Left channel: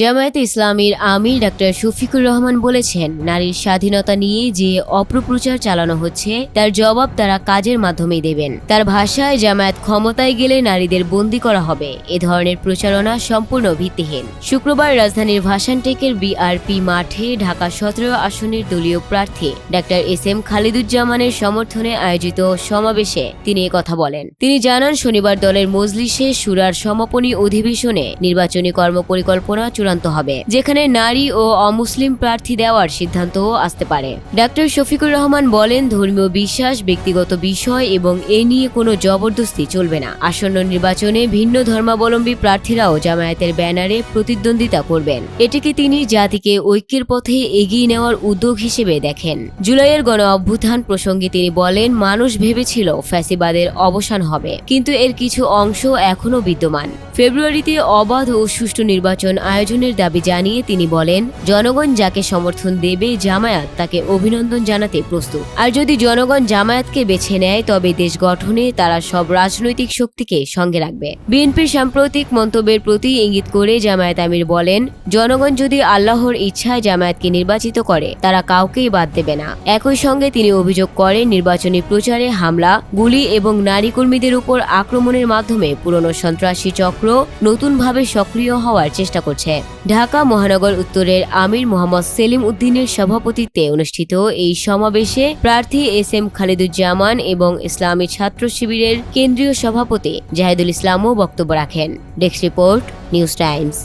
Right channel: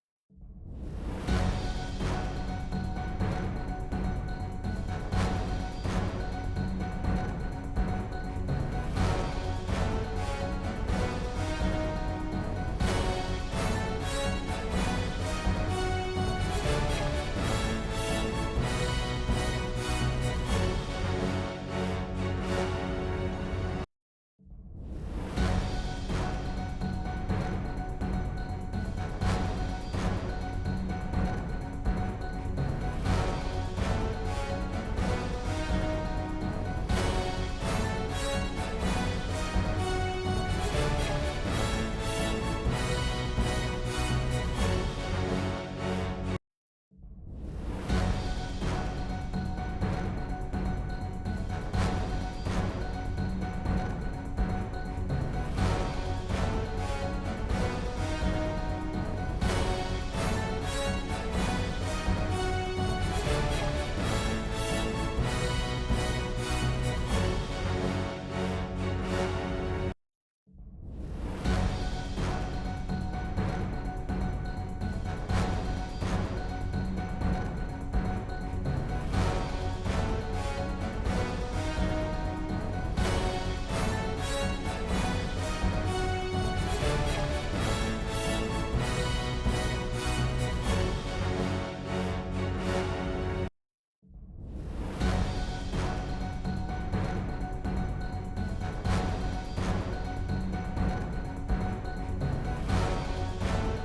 জামায়াতে ইসলামীর আমির ডাক্তার শফিকুর রহমান বলেছেন, নারীর স্বাধীনতা নিয়ে যে অপপ্রচার চালানো হচ্ছে তার জবাব তারা কাজের মাধ্যমেই দেবেন। তার ভাষায়, জামায়াত ক্ষমতায় গেলে নারীদের বন্দী করা হবে, এ ধরনের প্রচারণা সম্পূর্ণ ভিত্তিহীন। শুক্রবার রাজধানীর ভাসানটেকের বিআরপি মাঠে ঢাকা ১৭ আসনের দলীয় প্রার্থী ডাক্তার এস.এম. খালিদুজ্জামানের সমর্থনে আয়োজিত সমাবেশে তিনি কথা বলেন। তিনি জানান, শনিবার দলের মজলিসে শুরার সমাপনী অধিবেশনে নির্বাচনী কর্মপরিকল্পনা চূড়ান্ত হবে, যেখানে নারী ও অমুসলিম প্রার্থী দেওয়ার সিদ্ধান্তও আসতে পারে। ডাক্তার শফিকুর রহমান বলেন, ধর্মীয় বিশ্বাস ব্যক্তিগত বিষয় এবং এ নিয়ে কোনো জবরদস্তি চলবে না। আসন্ন নির্বাচনে ভিন্ন ধর্মাবলম্বী প্রার্থীরাও জামায়াতের ব্যানারে প্রতিদ্বন্দ্বিতা করবেন। এটিকে তিনি জাতিকে ঐক্যের পথে এগিয়ে নেওয়ার উদ্যোগ হিসেবে দেখেন। জুলাইয়ের গণ অভ্যুত্থান প্রসঙ্গে তিনি বলেন, মানুষ ভেবেছিল ফ্যাসিবাদের অবসান হবে, কিন্তু এর কিছু অংশ এখনও বিদ্যমান। ফেব্রুয়ারিতে অবাধ ও সুষ্ঠু নির্বাচন আয়োজনের দাবি জানিয়ে তিনি বলেন, জনগণ যাকে সমর্থন দেবে জামায়াত তাকে অভিনন্দন জানাতে প্রস্তুত। আর যদি জনগণ জামায়াতকে বেছে নেয় তবে দেশ গঠনে তারা সব রাজনৈতিক শক্তিকে সঙ্গে রাখবে। বিএনপির সাম্প্রতিক মন্তব্যের প্রতি ইঙ্গিত করে জামায়াত আমির বলেন, জনগণ যদি আল্লাহর ইচ্ছায় জামায়াতকে নির্বাচিত করে তারা কাউকেই বাদ দেবে না। একই সঙ্গে তিনি অভিযোগ করেন, নির্বাচনী প্রচারে হামলা, গুলি এবং নারী কর্মীদের উপর আক্রমণের মাধ্যমে পুরনো সন্ত্রাসী চক্র নতুনভাবে সক্রিয় হওয়ার চেষ্টা করছে। ঢাকা মহানগর উত্তরের আমির মোহাম্মদ সেলিম উদ্দিনের সভাপতিত্বে অনুষ্ঠিত এই সমাবেশে প্রার্থী এস.এম. খালিদুজ্জামান এবং ইসলামী ছাত্র শিবিরের কেন্দ্রীয় সভাপতি জাহিদুল ইসলামও বক্তব্য রাখেন। Desk report, news Times.